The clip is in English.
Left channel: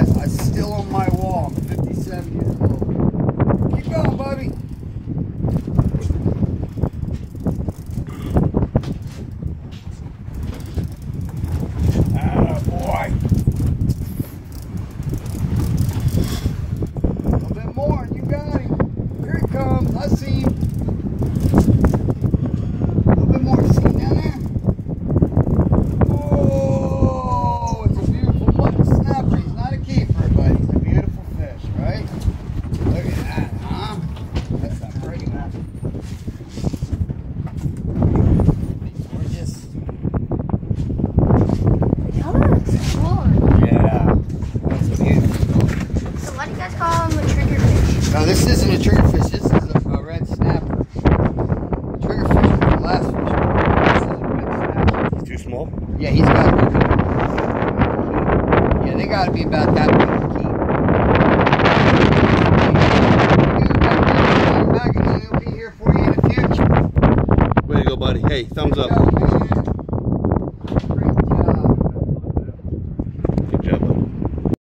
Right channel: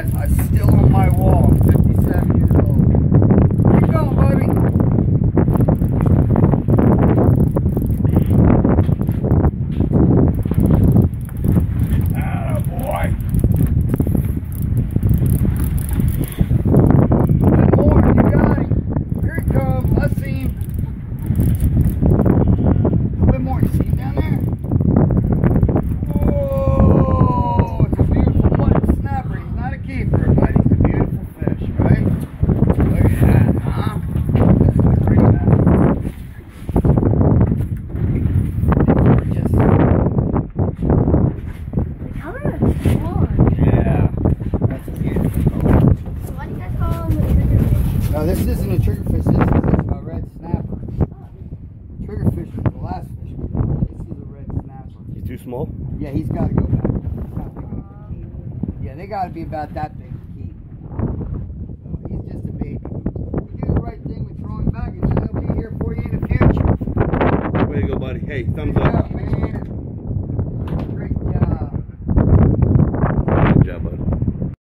I'm still on my wall. 57 years old. Keep going, buddy. Ah, boy. And more. You got him. Here he comes. I see him. A little bit more. See him down there? Oh, it's a beautiful button snapper. He's not a keeper, but he's a beautiful fish, right? Look at that, huh? That's not pretty enough. Gorgeous. The color looks fun. Yeah, that's a beautiful color. So why do you guys call him a triggerfish? No, this isn't a triggerfish. This is a red snapper. Triggerfish is the last fish. This is a red snapper. He's too small? Yeah, he's got to be. Yeah, they got to be about that big to keep. He'll be here for you in the future. Way to go, buddy. Hey, thumbs up. Go, man.